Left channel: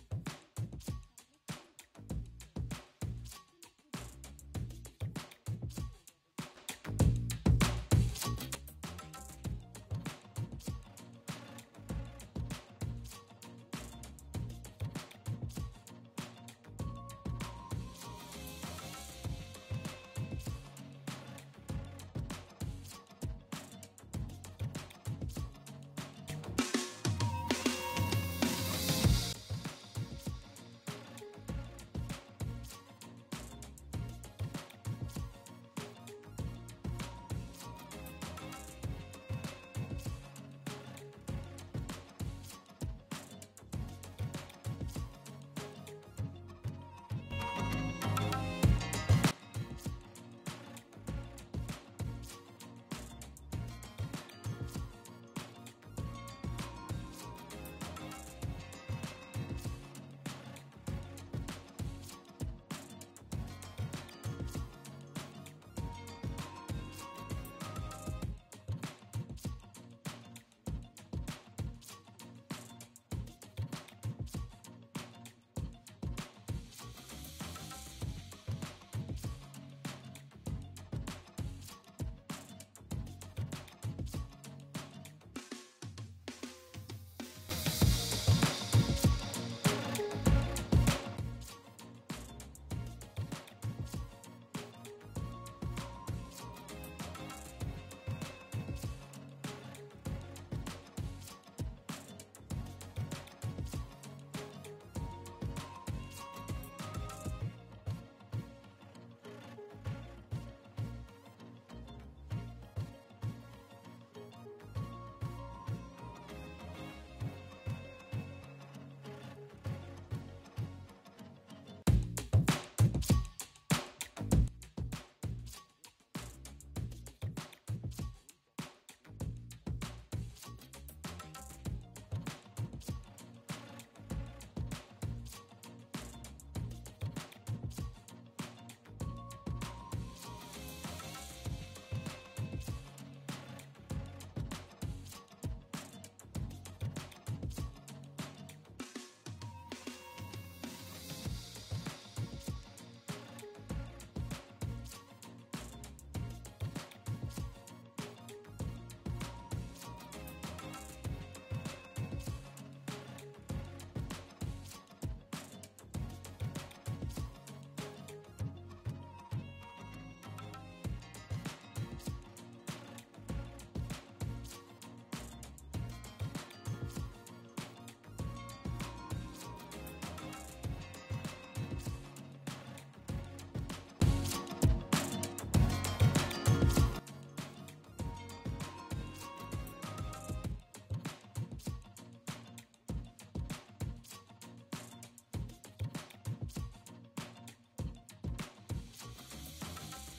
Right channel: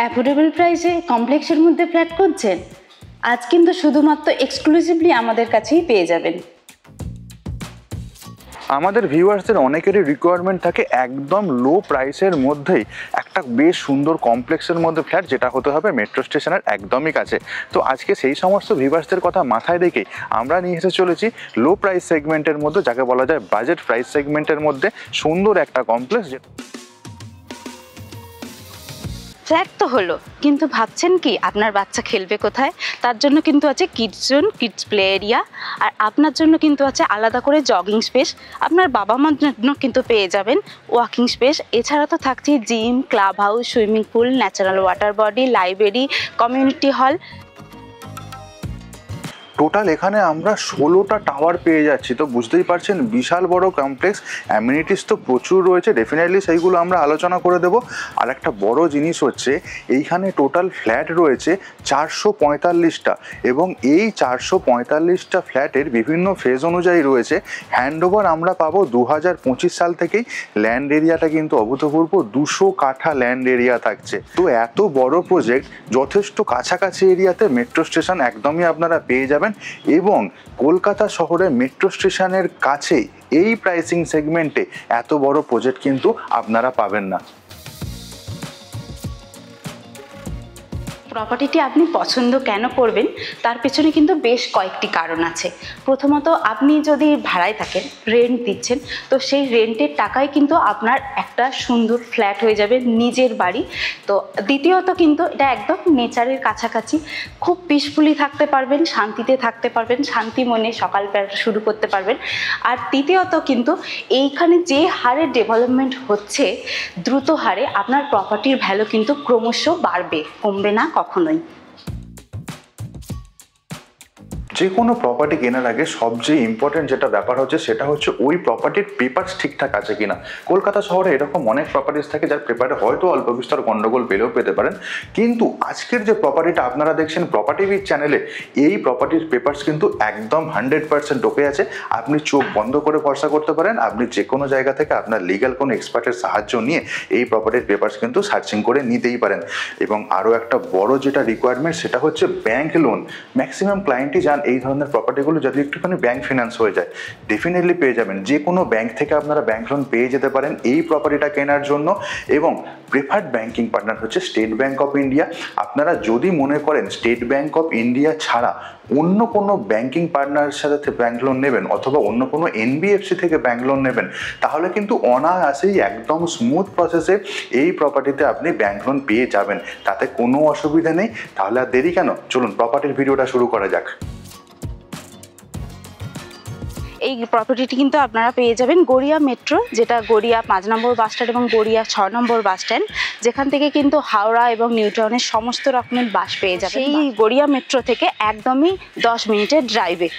Affordable প্রাইসে কমপ্লেক্সের মধ্যে ফ্ল্যাট খুঁজছেন? আজ কিন্তু শুধুমাত্র এক্সক্লুসিভলি আমাদের কাছেই পেয়ে যাবেন। আমাদের ভিউয়ার্সদের অনেকেরই রিকোয়ারমেন্ট থাকে একদম লো প্রাইসের মধ্যেই একটা বেশ সুন্দর কমপ্লেক্সের মধ্যে ফ্ল্যাট, যেটা হতে হবে মেট্রো স্টেশনের একদমই কাছে। তো আজকে সেই সমস্ত ভিউয়ার্সদের কথা মাথায় রেখেই আমরা নিয়ে এসে চলেছি লো প্রাইস সেগমেন্টের মধ্যে, যাকে বলা যায় বাজেট প্রাইস সেগমেন্টের মধ্যে সুন্দর একটা কমপ্লেক্স। ফ্ল্যাট তো হলো, কিন্তু ভাবছেন কি আপনার বাচ্চা খেলবে কোথায়? তার জন্য কিন্তু আছে kids zone, kids play area, আর আপনার জন্য কিন্তু আছে আলাদা করে জগিং স্পেস। আপনার বাবা মার জন্য কিন্তু পেয়ে যাবেন ওয়াকিং স্পেস। এছাড়া তো থাকছে gym, club house, swimming pool, natural water body, library, community hall. Total এখানে আমরা 16টা টাওয়ার পেয়ে যাচ্ছি। তো বুঝতেই পারছেন বিশাল বড় কমপ্লেক্স, অ্যামিনিটিস তো প্রচুর রয়েছে, ডেফিনেটলি সেইগুলো আমরা আলোচনা করে দেবো। আর একটা বড় জিনিস হচ্ছে এইখানে টোটাল ফ্ল্যাট রয়েছে 445টা, এবং এই 445টা ফ্ল্যাটের বিভিন্ন ফেজ অনুযায়ী রয়েছে। হ্যান্ডওভার আমরা পাবো 2025 সাল থেকেই। ল্যান্ড এরিয়াটা কিন্তু অভূতপূর্ব 200 কাঠা ল্যান্ড এরিয়া থাকছে। তো এত বড় প্রজেক্ট যথেষ্ট কাছাকাছি এরিয়াতে মেট্রো স্টেশন একদমই আপনারা পেয়ে যাবেন, এবং কলকাতা শহরে মেট্রো স্টেশনের কাছেই এই প্রাইসিং সেগমেন্টে এত বড় প্রজেক্ট কিন্তু আপনারা পাবেন না। প্রপার্টিটি আপনি পছন্দ কেন করবেন তার পেছনে কিন্তু বেশ কয়েকটি কারণ আছে। প্রথমত, আপনি যদি ভাড়ায় থাকেন, রেন্ট দিচ্ছেন, তো সেই রেন্টের টাকায় কিন্তু আপনার একটা সুন্দর ফ্ল্যাট হয়ে যাবে, নিজের বাড়ি। তো দ্বিতীয়ত কিন্তু এটা একদম নেচারের কাছাকাছি, খুব পিসফুলি থাকতে পারবেন, শান্তিতে থাকতে পারবেন, শান্তি মনে সকাল শুরু করতে পারবেন। আর তৃতীয়ত কিন্তু এইখানে যে হারে ডেভেলপমেন্ট হচ্ছে, দ্রুত হারে, আপনার প্রপার্টির ভ্যালু কিন্তু ক্রমশ বাড়বে, কমবে না কখনোই। যে কোনো প্রপার্টি কেনার আগে সবচেয়ে ইম্পর্টেন্ট যেটা ব্যাপার হচ্ছে সেটা হচ্ছে ওই প্রপার্টির পেপারস ঠিকঠাক আছে কিনা। কলকাতা শহরে এরকম অনেক প্রপার্টিস থাকে যার পেপারে হয়তো অল্প বিস্তর গন্ডগোল পেলেও পেতে পারেন, কিন্তু আজকের যে প্রপার্টিটা আপনারা দেখছেন প্রপার্টি উইথ চ্যানেলে, এই প্রপার্টির পেপারস কিন্তু একদম 100% ওকে আছে। আপনি চোখ বন্ধ করে ভরসা করতে পারেন। আপনি যে কোনো জায়গা থেকে আপনার লিগ্যাল কোনো এক্সপার্টের সাহায্য নিয়ে এই প্রপার্টির পেপারস কিন্তু সার্চিং করে নিতেই পারেন। এবং আরও একটা বড় যেটা রিকোয়ারমেন্ট সেটা হচ্ছে ব্যাংক লোন। ম্যাক্সিমাম ক্লায়েন্টই যান এই ধরনের প্রপার্টিগুলো যদি একটুখানি ব্যাংক ফিনান্স হয়ে যায়, ডেফিনেটলি পেয়ে যাবেন। যে কোনো ব্যাংক থেকে আপনারা ব্যাংক লোন পেয়ে যেতে পারেন এই প্রপার্টিটা কেনার জন্য। এবং প্রেফার্ড ব্যাংকিং পার্টনার হচ্ছে স্টেট ব্যাংক অফ ইন্ডিয়া। আপনারা যদি মনে করেন স্টেট ব্যাংক অফ ইন্ডিয়া ছাড়া অন্য কোনো ব্যাংকিং পার্টনারের সাথে ব্যাংক লোন নেবেন, অথবা অন্য কোনো এনবিএফসি থেকে ব্যাংক লোন নেবেন, তাহলে কিন্তু অনায়াসেই একদম স্মুথ প্রসেসে এই প্রপার্টিতে আপনি ব্যাংক লোন পেয়ে যাবেন, তাতে কোনো অসুবিধা নেই। তাহলে আর দেরি কেন, চলুন প্রপার্টির ভিডিওটা শুরু করা যাক। এই প্রপার্টিটি কিন্তু আপনারা পেয়ে যাবেন গড়িয়া মেট্রো, যেটা গড়িয়া 5 নম্বর বাস স্ট্যান্ড এবং গড়িয়া 6 নম্বর বাস স্ট্যান্ড, যেখান থেকে কিন্তু হাওড়া এবং নিউ টাউনের সমস্ত রকমের বাস পেয়ে যাবেন এই গড়িয়া মেট্রো থেকে একদমই 10 মিনিটের ড্রাইভে।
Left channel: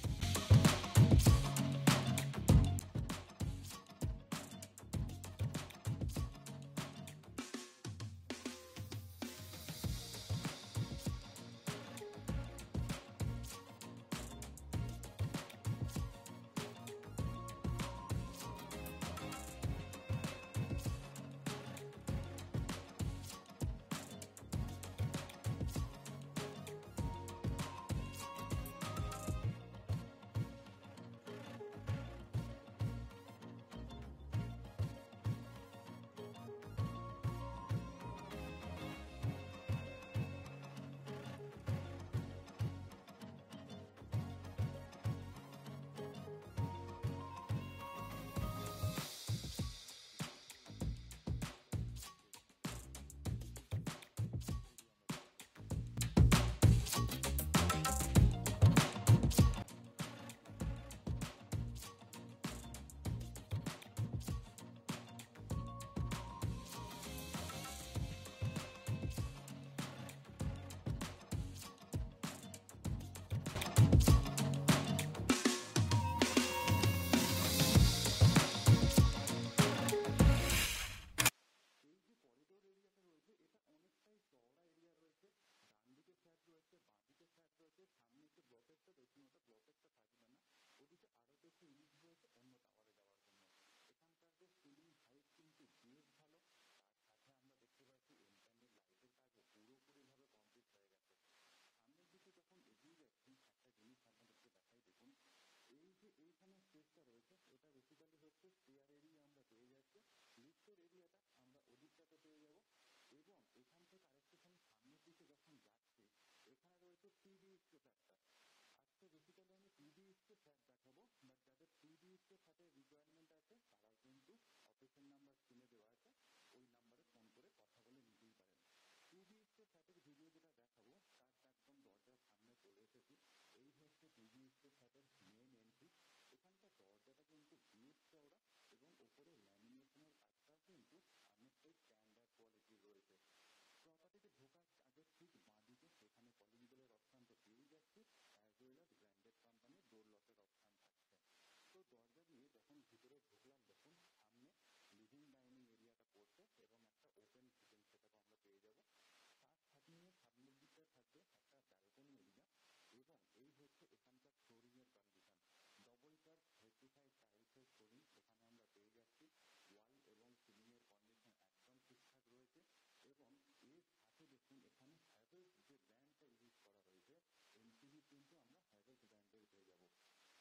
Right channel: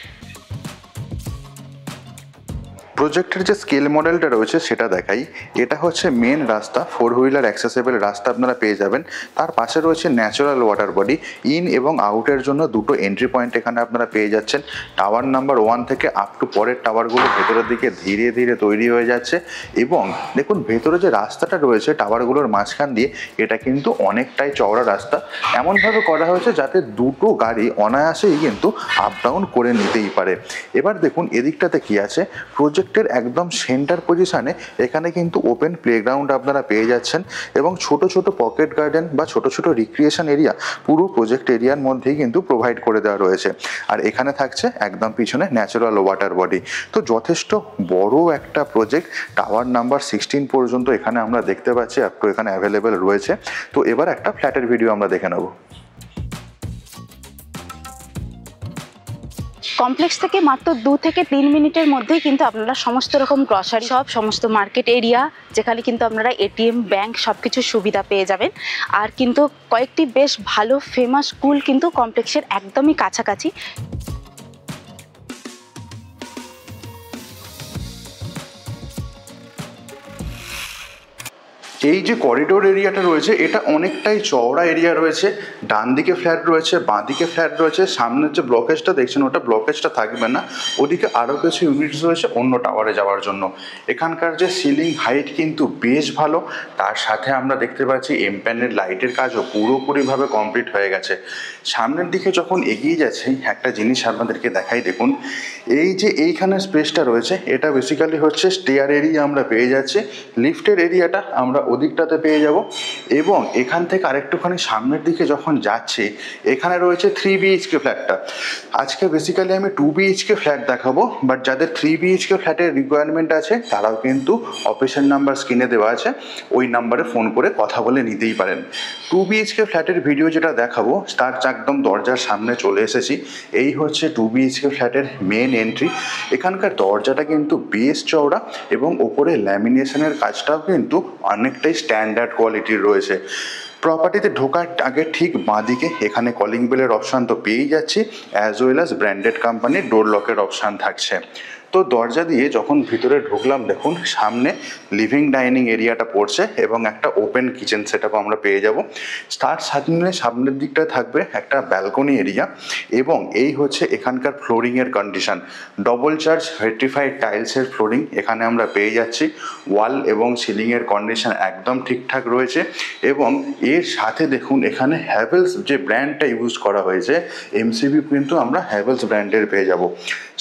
প্রজেক্টের যে স্কেল মডেলটা রয়েছে সেটা দেখাই। এটা হচ্ছে মেন রাস্তা, 4 হুইলার অ্যাক্সেসেবল রাস্তা আপনারা পেয়ে যাবেন। তার পাশে রয়েছে ন্যাচারাল ওয়াটার বডি, ইন এবং আউটের জন্য দুটো এন্ট্রি পয়েন্ট এখানে আপনারা পেয়ে যাচ্ছেন। টাওয়ার নাম্বার 1 থেকে আপ টু পরের টাওয়ারগুলো ভেতরের দিকে ধীরে ধীরে তৈরি হয়ে যাচ্ছে। এবং দেখুন ভেতরে যে রাস্তাটা রয়েছে টাওয়ারগুলোর মাঝখান দিয়ে, এটা কিন্তু অনেকটাই চওড়া রাস্তা, এমনভাবে করা হয়েছে যাতে দুটো গাড়ি অনায়াসেই কিন্তু আপ ডাউন করে নিতেই পারে। এবার দেখুন এদিকটাতে কি আছে, প্রজেক্টের একদম সেন্টার পজিশনে এখানে কিন্তু ওপেন প্লেগ্রাউন্ড আপনারা পেয়ে যাচ্ছেন, এবং ছোট ছোট পকেট গার্ডেন বা ছোট ছোট রিক্রিয়েশন এরিয়া পুরো প্রজেক্ট এরিয়ার মধ্যেই কিন্তু প্রোভাইড করে দেওয়া রয়েছে। আর এখানে থাকছে একদম পিছনে ন্যাচারাল ওয়াটার বডি। তো যথেষ্ট বড় একটা প্রজেক্ট, টাওয়ার নাম্বার 16 পর্যন্ত এখানে আমরা দেখতে পাচ্ছি আপ টু এখানে অ্যাভেলেবেল রয়েছে। তো এবার একটা ফ্ল্যাটের ভিডিও আমরা দেখে নেব। কমপ্লেক্স থেকে মাত্র 2 থেকে 3 মিনিটের মধ্যেই কিন্তু আপনারা সমস্ত রকম গ্রসারি শপ, সমস্ত মার্কেট এরিয়া, যেখানে কিন্তু আপনারা এটিএম, ব্যাংক সবকিছু সুবিধা পেয়ে যাবেন। আর কিন্তু কয়েকটি বেশ ভালো ফেমাস স্কুল কিন্তু কমপ্লেক্সের একদমই কাছাকাছি। এই যে করিডোর এরিয়াটা রয়েছে এটা অনেকটাই চওড়া এরিয়া রয়েছে, ডান দিকে ফ্ল্যাট রয়েছে, বাঁ দিকে ফ্ল্যাট রয়েছে, সামনের যে ব্লকেজটা দেখছেন ওটা ব্লকেজটা থাকবে না, ওদিকে আরও কিছু ইউনিটস রয়েছে অন্য টাওয়ারে যাওয়ার জন্য। এখানকার যে সিলিং হাইট কিন্তু বেশ ভালো, তার সাথে আমরা দেখতে পাচ্ছি এমপ্যানেল লাইটের কাজও পুরোপুরিভাবে কমপ্লিট হয়ে গেছে। সামনের দিকে যখন এগিয়ে যাচ্ছে একটা জিনিস আপনাদেরকে দেখাই, দেখুন এই যে এইখানে স্পেসটা রয়েছে এটা বেসিক্যালি হচ্ছে স্টেয়ার এরিয়া আমরা পেয়ে যাচ্ছি, লিফটের এরিয়াটা আমরা ওদিকটাতে পেয়ে যাব। এবং এখান থেকে আরেকটুখানি সামনের দিকে যখন যাচ্ছি এখানে রয়েছে 3 BHK ফ্ল্যাটটা। আজকে বেসিক্যালি আমি 2 BHK ফ্ল্যাট দেখাবো, বাট যাদের 3 BHK ফ্ল্যাটের রিকোয়ারমেন্ট আছে তারাও কিন্তু অফিসের নাম্বার স্ক্রিনে দেওয়া আছে, ওই নাম্বারে ফোন করে কথা বলে নিতেই পারেন। 2 BHK ফ্ল্যাটের ভিডিও যেটা দেখাবো তার একদম দরজার সামনে চলে এসেছি। এই হচ্ছে 2 BHK ফ্ল্যাটের মেন এন্ট্রি। এখানকার দরজাটা কিন্তু বেশ চওড়া এবং ওপরে ল্যামিনেশনের কাজটাও কিন্তু অনেকটাই স্ট্যান্ডার্ড কোয়ালিটির রয়েছে। প্রপার্টিতে ঢোকার আগে ঠিক বাঁদিকে এখানে কলিং বেলের অপশান তো পেয়েই যাচ্ছি, অ্যাজ ওয়েল অ্যাজ ব্র্যান্ডেড কোম্পানির ডোর লকের অপশান থাকছে। তো দরজা দিয়ে যখন ভিতরে ঢুকলাম দেখুন সামনে লিভিং ডাইনিং এরিয়াটা পড়ছে এবং একটা ওপেন কিচেন সেটআপ আমরা পেয়ে যাব। তার সামনের দিকটা থাকবে একটা ব্যালকনি এরিয়া এবং এই হচ্ছে এখানকার ফ্লোরিংয়ের কন্ডিশন, ডবল চার্জ ভেট্রিফাইড টাইলসের ফ্লোরিং এখানে আমরা পেয়ে যাচ্ছি। ওয়াল এবং সিলিংয়ের কন্ডিশন একদম ঠিকঠাক রয়েছে এবং এর সাথে দেখুন এখানে হ্যাভেলস যে ব্র্যান্ডটা ইউজ করা হয়েছে এমসিবি কিন্তু আমরা হ্যাভেলস ব্র্যান্ডের পেয়ে যাব।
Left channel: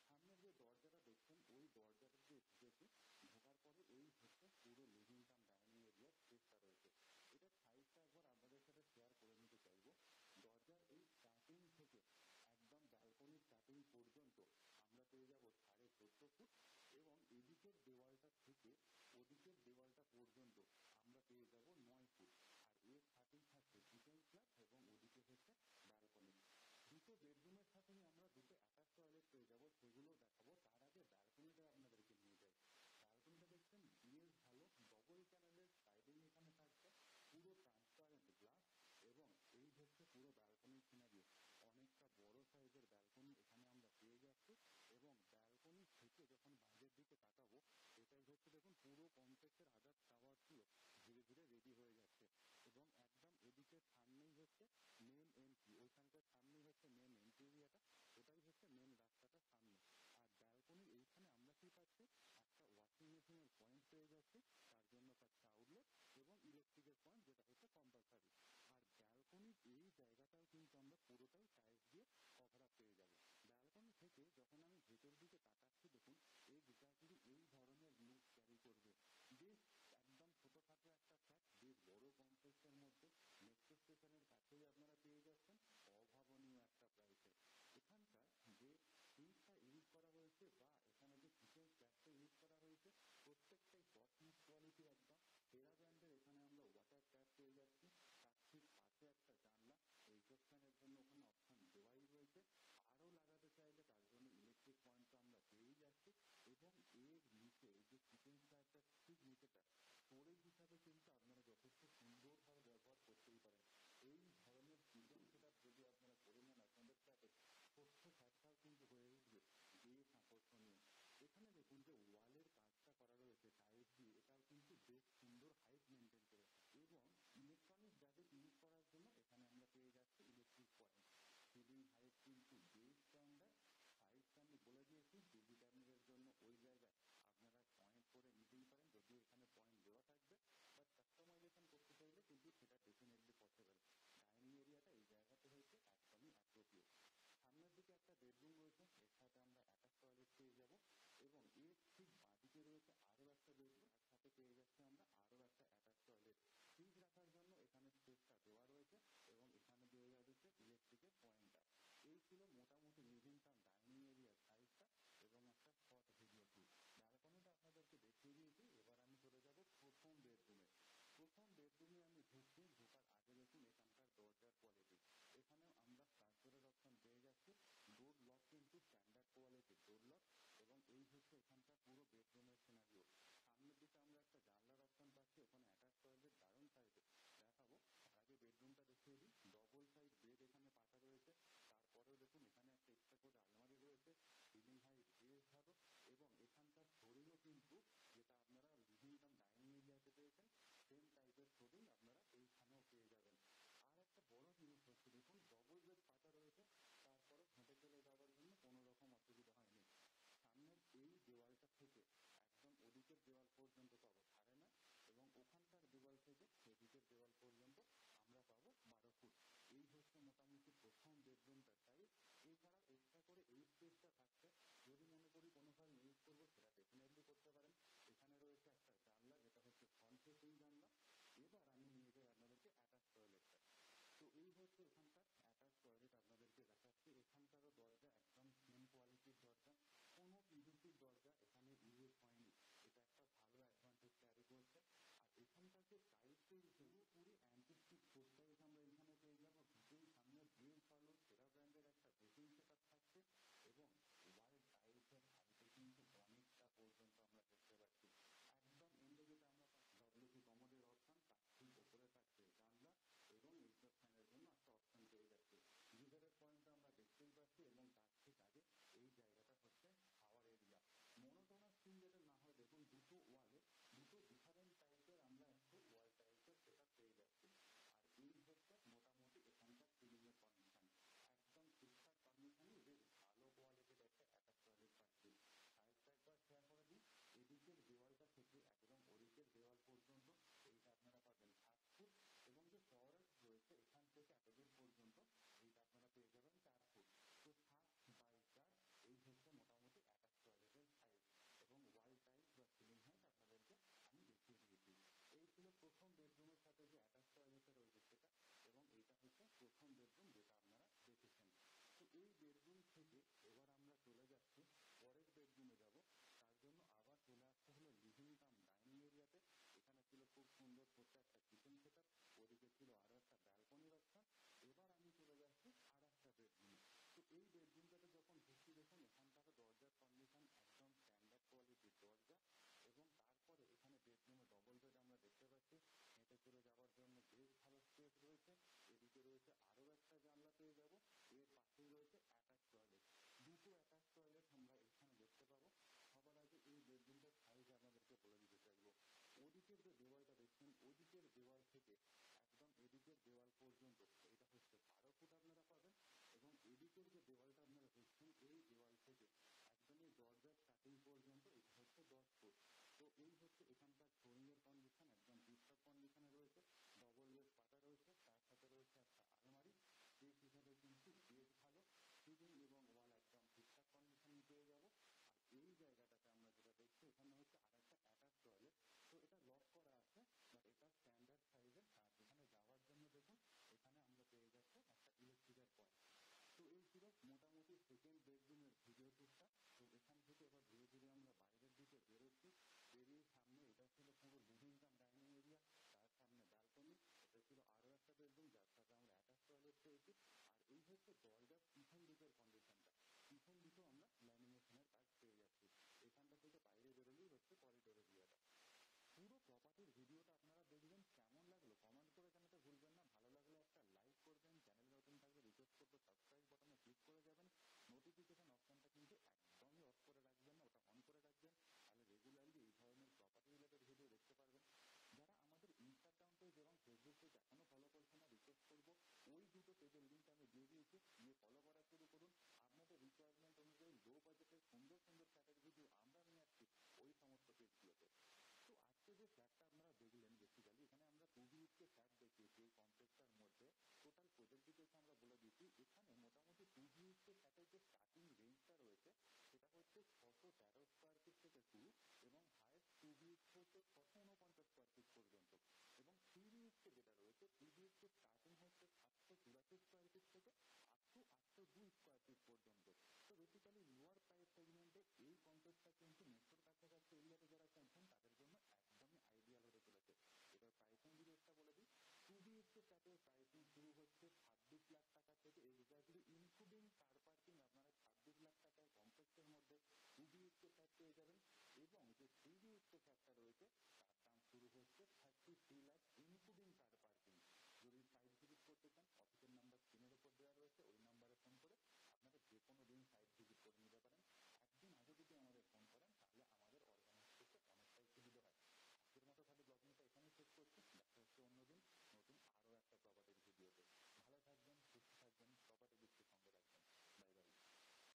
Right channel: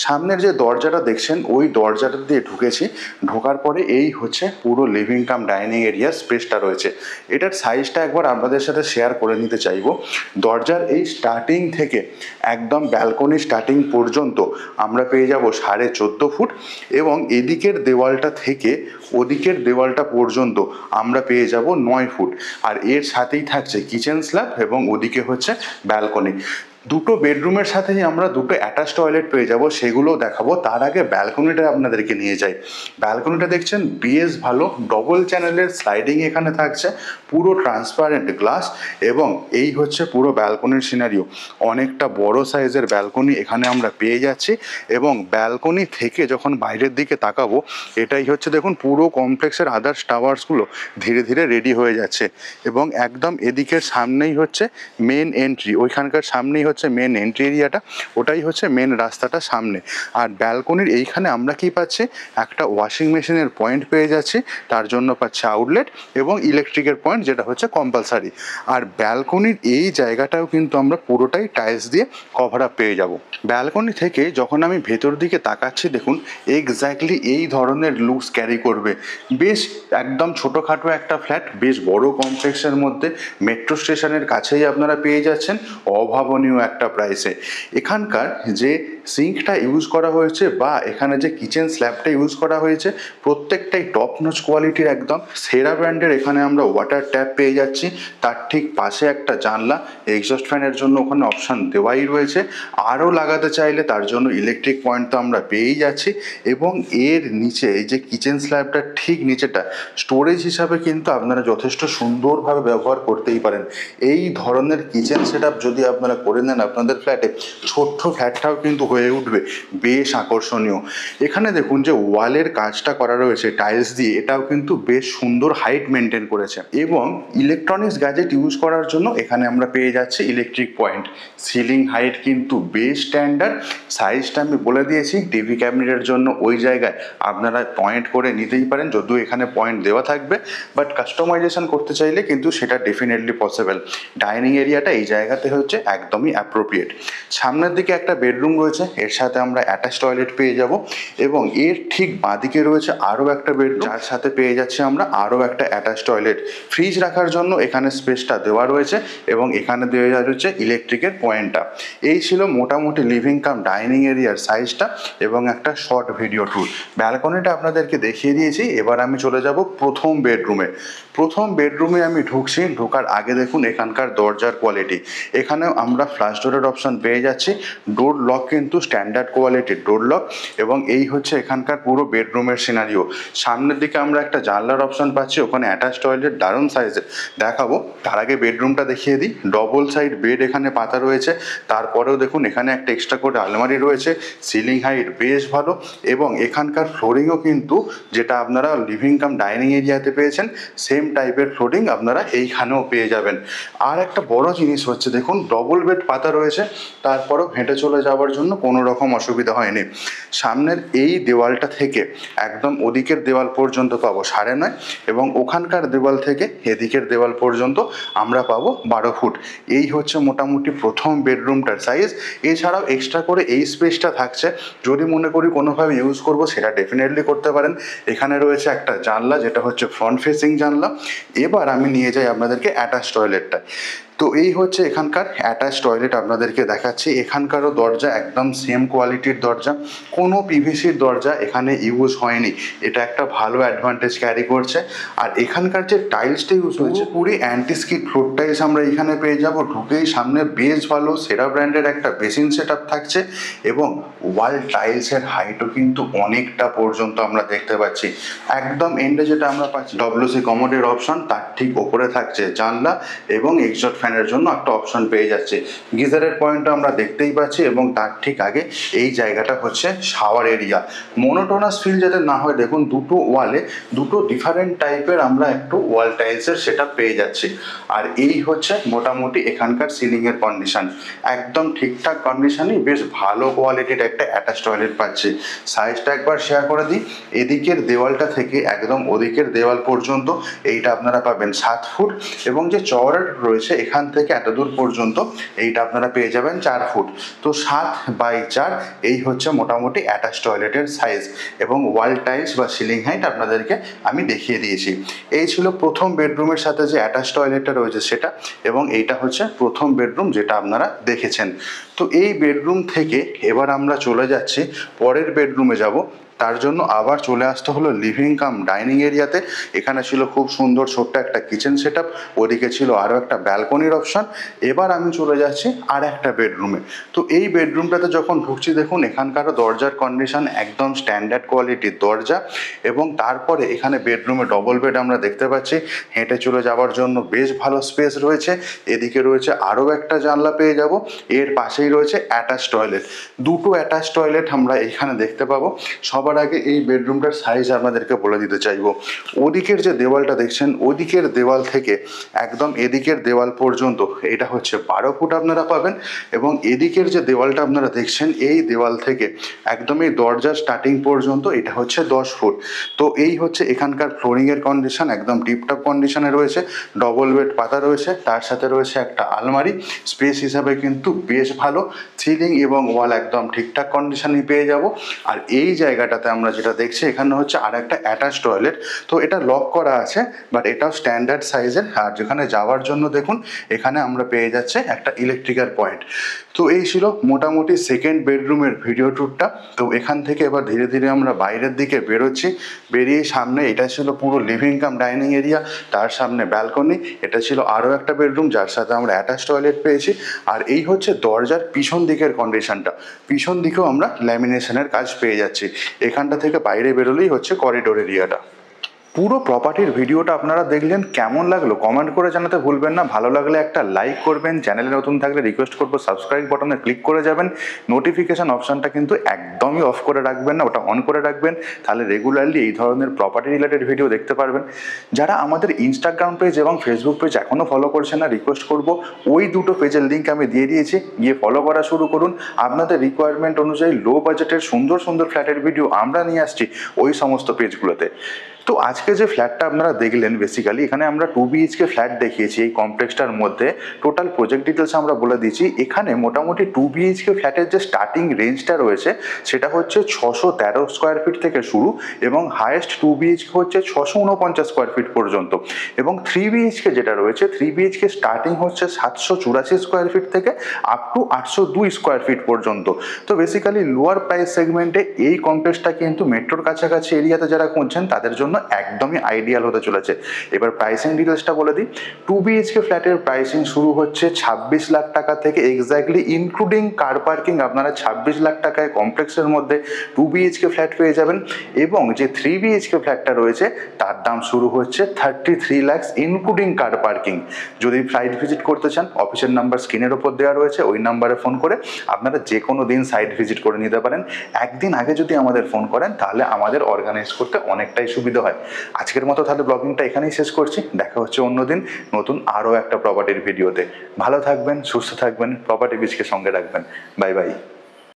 সামনের যে দরজাটা দেখছেন ওই দরজাটা দিয়ে ঢুকেছি, ঢোকার পরে এই হচ্ছে পুরো লিভিং কাম ডাইনিং এরিয়া স্পেসটা রয়েছে। এটার সাইজটা একবার আপনাদের সাথে শেয়ার করে নিতে চাইবো। দরজার এই স্টার্টিং থেকে একদম ব্যালকনি স্টার্টিং পর্যন্ত আমরা পেয়ে যাব 14.5 ফুট এবং এদিকের দেওয়ালটা থেকে ওদিকের দেওয়ালটা পর্যন্ত আমরা পেয়ে যাব 9 ফুট। আর এর সাথেই থাকছে কিচেন স্ল্যাব এবং ওদিকে হচ্ছে ব্যালকনি। দুটো বেডরুমের সাথেই আমরা দুটো অ্যাটাচ টয়লেট পেয়ে যাব, সেগুলোও দেখাবো। তার আগে ব্যালকনিটা আপনাদেরকে নিয়ে যাই। ব্যালকনিটা দেখছেন বেশ ভালো, ডবল চ্যানেলের স্লাইডিং এখানে থাকছে, পুরো ট্রান্সপারেন্ট গ্লাস এবং এই হচ্ছে পুরো ব্যালকনির সিনারিও। অনেকটা বড় সাইজের ব্যালকনি এখানে আমরা পেয়ে যাচ্ছি এবং ব্যালকনি থেকে যখন বাইরের দিকে তাকাবো এটাই হচ্ছে দেখুন পুরো কমপ্লেক্সের আদার্স টাওয়ার্সগুলো ধীরে ধীরে রেডি হয়ে যাচ্ছে এবং একদম এদিকের সামনেই হচ্ছে মেন এন্ট্রি, ওইখানকার সামনেই হচ্ছে মেন এন্ট্রি এরিয়াটা, ওটাই হচ্ছে মেন রাস্তাটা সামনে। আর ব্যালকনির এইখানে আমরা কি পাচ্ছি, একটা ওয়াশিং মেশিনের পয়েন্ট পেয়ে যাচ্ছি, তার জন্য পাচ্ছি আউটলেট এবং ইলেকট্রিকের পয়েন্ট যেটা হচ্ছে কম্পালসারি। আর ব্যালকনির এই জায়গাটাও কিন্তু আমরা পুরোটাই টাইলস দিয়ে কভার আপ পেয়ে যাব। ব্যালকনি থেকে যখন আমি ভেতর দিকে তাকাচ্ছি দেখুন এক্স্যাক্টলি এই ধরনের লুকস ক্যারি করবে। বেশ একদম ছোটোখাটো একটা ফ্ল্যাট, বেশ বড় কমপ্লেক্সের মধ্যে, মেট্রো স্টেশনের কাছেই আপনারা পেয়ে যাচ্ছেন অভাবনীয় একটা প্রাইসে। এখানকার যে সিঙ্কটা ইউজ করা হয়েছে বা এখানে যে কিচেন স্ল্যাবটা ইউজ করা হয়েছে প্রত্যেকটাই টপ নচ কোয়ালিটির, একদম সেরা ব্র্যান্ডের। এখানে আমরা ওয়াটার ট্যাপ পেয়ে যাচ্ছি, তার ঠিক পাশে একটা জানলা, এক্সস্ট ফ্যানের জন্য ওখানে অপশান দেওয়াই রয়েছে। আরও লাগাতে চাইলে তার জন্য ইলেকট্রিক পয়েন্ট তো আমরা পেয়েই যাচ্ছি এবং এর নিচে এই যে কিচেন স্ল্যাবটা ঠিক নিচেটা স্টোরেজ হিসাবে কিন্তু আপনারা যথেষ্ট সুন্দরভাবে ব্যবহার করতেই পারেন। এই ধরনের কিচেন সেটআপ যদি আপনারা করে নেন আপনাদের ফ্ল্যাটে, ছোট্ট ফ্ল্যাটটাও কিন্তু হয়ে উঠবে বেশ আকর্ষণীয়। এখানে দেখুন যে ওয়ালের কাজটা করা রয়েছে টাইলস দিয়ে, এটাও কিন্তু বেশ সুন্দর হাইট মেনটেন করেছে এবং ইলেকট্রনিক্স গ্যাজেট ইউজ করার জন্য এখানে আমরা পেয়ে যাচ্ছি ইলেকট্রিক পয়েন্ট। সিলিং হাইট কিন্তু বেশ স্ট্যান্ডার্ড, সাইজটা আমি বলে দিয়েছি, টিভি ক্যাবিনেটের জন্য ওই জায়গায় আপনারা পয়েন্ট করে নিতেই পারেন, যদিও এখানে পয়েন্ট দেওয়া থাকবে, বাট কাস্টমাইজেশন করতে চাইলে কিন্তু সেটা ডেফিনেটলি পসিবল। ডাইনিং এরিয়াটা এই জায়গাতে হচ্ছে একদমই অ্যাপ্রোপ্রিয়েট। সামনের দিকে একটা বেডরুম রয়েছে, এর সাথে আমরা অ্যাটাচ টয়লেট পেয়ে যাব এবং এর ঠিক বাঁদিকে রয়েছে আরও একটা বেডরুম, যার সাথে পেয়ে যাচ্ছি আমরা আরও একটা অ্যাটাচ টয়লেট। ফ্রিজ রাখার জন্য এখানে স্পেসটা দেওয়া রয়েছে এবং এখানে দেওয়া রয়েছে ইলেকট্রিকের পয়েন্টটা। এই ছিল মোটামুটি লিভিং কাম ডাইনিং এরিয়ার সাইজটা এবং একটা শর্ট ভিডিও ট্যুর। ব্যালকনিটা আপনাদেরকে দেখিয়ে দিয়েছি, এবার আমি চলে যাব প্রথম বেডরুমে। প্রথম বেডরুমে আমি ঢুকছি, ঢোকার আগে দেখুন এখানকার দরজার কোয়ালিটি। এখানেও আমরা ফ্ল্যাশ ডোরের অপশান পেয়ে যাচ্ছি, ডোর লক কিন্তু কিন্তু স্ট্যান্ডার্ড কোয়ালিটির ডোর লক এবং এই হচ্ছে এখানকার পুরো বেডরুমের সিনারিও। সামনের দিকে আমরা একটা জানলার অপশন পাচ্ছি, ওখানে অ্যাটাচ টয়লেট দারুণ সাইজের দেখাবো। তার আগে বেডরুমটা দেখিয়ে দিই। ডবল সাইড বেড এখানে পাতা রয়েছে, তারপরেও দেখুন এখানে একটা এক্সট্রা করে আলমারি রয়েছে। সিলিং হাইট বেশ ভালো এবং এখানকার ফ্লোরিংও কিন্তু যেটা আপনারা লিভিং কাম ডাইনিং এরিয়াতে পেয়েছেন সেম টাইপের ফ্লোরিং আপনারা এইখানেও পেয়ে যাবেন। আর একটা বড় জিনিস হচ্ছে দেখুন ডবল বেড পাতা রয়েছে, তারপরেও হেঁটে চলে যাওয়ার জন্য কোনো রকম অসুবিধা হয়নি। সামনের এই দেওয়ালটা থেকে একদম ওদিকের দেওয়াল পর্যন্ত পাবো 9.5 এবং ওখানকার দেওয়াল থেকে এদিকের দেওয়াল পর্যন্ত আমরা পাবো 12 ফুট। এই হচ্ছে মোটামুটি প্রথম বেডরুমটার সাইজ। এছাড়াও এক্সট্রা করে এই স্পেসটা থাকছে, যদি মনে করি কোনোভাবে ইউজ করব সেটা ডেফিনেটলি করতে পারেন। এখানে রয়েছে একটা জানলা, যেটা হচ্ছে ফ্রন্ট ফেসিং জানলা। এবার আমি নিয়ে যাই আপনাদেরকে অ্যাটাচ টয়লেটটা। তো এই হচ্ছে এখানকার অ্যাটাচ টয়লেট আপনাদেরকে দেখাচ্ছি। এখানকারও দরজা একদম সেম কোয়ালিটির দরজা, কোনো পিভিসির দরজা এখানে ইউজ হয়নি, এটা একটা ভালো অ্যাডভান্টেজ ক্যারি করছে। আর এখানকার যে টাইলসটা ইউজ হয়েছে পুরো অ্যান্টি স্কিড ফ্লোর টাইলস আমরা এখানে পেয়ে যাব। ঢুকেই সামনে বেশ ভালো সেরা ব্র্যান্ডের একটা বেসিন সেট আপ থাকছে এবং ওয়াল টাইলসের হাইটও কিন্তু অনেকটা পর্যন্ত আমরা দেখতে পাচ্ছি। একদম এন্ডে যেটা আমরা পাচ্ছি ডব্লিউসি কমোডের অপশন, তার ঠিক ওপরে থাকছে জানলা এবং এক্সস্ট ফ্যানের জন্য একটা অপশন পেয়ে যাচ্ছে। গিজারের পয়েন্টটা আমরা দেখতেই পাচ্ছি এবং তার ঠিক আগে এই জায়গাটা হচ্ছে শাওয়ার এরিয়া। মোনোটোনাস ফিল যাতে না হয়, দেখুন দুটো ওয়ালে দুটো ডিফারেন্ট টাইপের আমরা একটু ওয়াল টাইলসের সেটা পেয়ে যাচ্ছি। আর এই হচ্ছে মোটামুটি এখানকার সিলিংয়ের কন্ডিশন, একদম ঠিকঠাক কন্ডিশনই বেশ ভালো কোয়ালিটির একটা অ্যাটাচ টয়লেট পাচ্ছি। সাইজটা একবার শেয়ার করে দিই। এদিকের দেওয়ালটা থেকে একদম ওদিকের দেওয়াল পর্যন্ত এইটা আপনারা পাবেন 7 ফুট এবং যে চওড়াটা রয়েছে এখান থেকে এত দূর পর্যন্ত এইটা আপনারা পেয়ে যাবেন 4 ফুট। তো 7/4 এই হচ্ছে মোটামুটি অ্যাটাচ টয়লেটের সাইজ এবং ওয়াল টাইলস বা সিলিং হাইট আপনাদেরকে আমি দেখিয়ে দিয়েছি। এই ছিল প্রথম বেডরুমের সাথে যে অ্যাটাচ টয়লেটটা রয়েছে সেটা, এবং এইটা হচ্ছে প্রথম বেডরুম যেটা আপনারা দেখেছেন। তো এই বেডরুম থেকে এবার আমরা চলে যাচ্ছি পরের বেডরুমে যাব। তার জন্য আবার চলে আসতে হলো লিভিং কাম ডাইনিং এরিয়াতে। এখানে ছিল খুব সুন্দর ছোট্ট একটা কিচেন সেট আপ, ওদিকে ছিল আরও একটা ব্যালকনির অপশন। এবার আমি চলে যাচ্ছি আর একটা বেডরুমে। তো এই বেডরুমটাতে যখন ঢুকছি দেখুন এখানকারও দরজার কন্ডিশন একদম স্ট্যান্ডার্ড কোয়ালিটির দরজা এবং তারপরে এখানে বেডরুমে ডবল বেড আমরা দেখতে পাচ্ছি। হেঁটে চলে যাওয়ার জন্য বেশ ভালো স্পেস রয়েছে। এদিকে রয়েছে আরও একটা জানলা পেয়ে যাব, এর পাশেই রয়েছে অ্যাটাচ টয়লেট। দুটো অ্যাটাচ টয়লেট আমরা এখানে দেখতে পাবো। সবার আগে এই বেডরুমটার সাইজ আপনাদেরকে বলে দিতে চাইবো। ওদিকের যে দেওয়ালটা দেখছেন ওদিকের দেওয়াল থেকে একদম এদিকের দেওয়াল পর্যন্ত এটা হচ্ছে 12 ফুট আপনারা পাবেন এবং এদিকের যে দেওয়ালটা আপনারা দেখছেন এই দেওয়াল থেকে একদম এই দরজার স্টার্টিং পর্যন্ত এটা হচ্ছে 10 ফুট। তো এই হচ্ছে এখানকার ফ্লোরিংয়ের কন্ডিশন, একদম টিপটপ কন্ডিশনে রয়েছে। ডবল বেড পাতা রয়েছে, তার সাথে রয়েছে একটা আলমারি। স্পেস হিসাবে কিন্তু বেশ ভালো। সিলিং এবং ওয়াল একদম ঠিকঠাক কন্ডিশনই পেয়ে যাব। আর এই জায়গাটাতে আমরা যেটা দেখছি এখানে হচ্ছে আর একটা অ্যাটাচ টয়লেট। তো এটা লক করা আছে বাট এটাও স্ট্যান্ডার্ড সাইজের। আর যেখানে যাওয়ার জন্য দেখুন এখানে আমরা পেয়ে যাচ্ছে একটা ইলেকট্রিক্যাল পয়েন্ট। তো এই ছিল মোটামুটি সেকেন্ড বেডরুমের ভিডিও ট্যুরটা। তো এখান থেকে এবার ধীরে ধীরে আমরা বাইরের দিকে বেরোচ্ছি। বেরিয়ে সামনে এটা ছিল পুরো লিভিং কাম ডাইনিং এরিয়া, তার সামনে ব্যালকনি। এটা ছিল আরও একটা বেডরুম যার সাথে আমরা অ্যাটাচ টয়লেট পেয়েছি। আর এই হচ্ছে দরজার পিছন দিকের কন্ডিশনটা। পিছন দিকেও আমরা ল্যামিনেশনের কাজ পেয়ে যাচ্ছি। এখানটা থেকে বাইরে বেরোলেই হচ্ছে করিডোর এরিয়াটা। পুরো প্রপার্টির ভিডিওটা আপনারা দেখলেন, কেমন লাগলো কমেন্ট করে জানাতে ভুলবেন না। ভালো লাগলে একটা লাইক করবেন, চ্যানেলে নতুন থাকলে রিকোয়েস্ট করবো সাবস্ক্রাইব বাটনে ক্লিক করে যাবেন। নোটিফিকেশান অপশানটা কিন্তু একদমই অফ করে রাখবেন না, ওটা অন করে রাখবেন, তাহলে রেগুলারলি এই ধরনের প্রপার্টি রিলেটেড ভিডিও দেখতে পারবেন। যারা আমাদের ইনস্টাগ্রাম পেজ এবং ফেসবুক পেজ এখনও ফলো করছেন না, রিকোয়েস্ট করবো ওই দুটো পেজের লিঙ্ক আমি দিয়ে দিয়েছি, গিয়ে ফলো করা শুরু করুন। আপনাদের রিকোয়ারমেন্ট অনুযায়ী লো বাজেটের সুন্দর সুন্দর ফ্ল্যাটের ভিডিও আমরা নিয়ে আসছি ওই সমস্ত পেজগুলোতে। তো আজকে যে ফ্ল্যাটটা আপনারা দেখলেন বেসিক্যালি এখানে আমরা 2 BHK ফ্ল্যাট দেখিয়েছি এই কমপ্লেক্সটার মধ্যে। টোটাল প্রজেক্ট ডিটেলস আমরা বলে দিয়েছি। এখানে মোটামুটি 2 BHK ফ্ল্যাটের যে স্টার্টিং রেঞ্জটা রয়েছে সেটা হচ্ছে 613 স্কোয়ার ফিট থেকে শুরু এবং হায়েস্ট 2 BHK হচ্ছে 649 স্কোয়ার ফিট পর্যন্ত এবং 3 BHK যেটা রয়েছে 3 BHK স্টার্টিং হচ্ছে 784 স্কোয়ার ফিট থেকে আপ টু 802 স্কোয়ার ফিট পর্যন্ত। তো বেসিক্যালি লোয়ার প্রাইস সেগমেন্টে এই কমপ্লেক্সটা কিন্তু মেট্রোর কাছাকাছি এরিয়াতে যারা খুঁজছেন তাদের জন্য একদমই আইডিয়াল হতে চলেছে। এবার প্রাইসিং ডিটেলসটা বলে দিই। 2 BHK ফ্ল্যাটের প্রাইসিং শুরু হচ্ছে 26 লাখ টাকা থেকে, এক্স্যাক্টলি ইনক্লুডিং কার পার্কিং আপনারা 26 লাখ টাকায় কমপ্লেক্সের মধ্যে 2 BHK ফ্ল্যাট পেয়ে যাবেন। এবং যে 3 BHK ফ্ল্যাটটা রয়েছে তার দাম শুরু হচ্ছে 33 লাখ ইনক্লুডিং কার পার্কিং। যদি সাইট ভিজিট করতে চান, অফিসের নাম্বার স্ক্রিনের ওপর দেওয়া রয়েছে, ওই নাম্বারে ফোন করে আপনারা যে কোনো দিন সাইট ভিজিট করে নিতে পারেন। একদিন আগে যদি আমাদের ফোন করেন তাহলে আমাদের অর্গানাইজ করতে অনেকটাই সুবিধা হয়। আজকের মতো তাহলে ব্লগিংটা এখানেই শেষ করছি। দেখা হচ্ছে অন্যদিন নতুন আরও একটা প্রপার্টির ভিডিওতে। ভালো থাকবেন, সুস্থ থাকবেন, প্রপার্টি বিচকে সঙ্গে রাখবেন। Bye bye.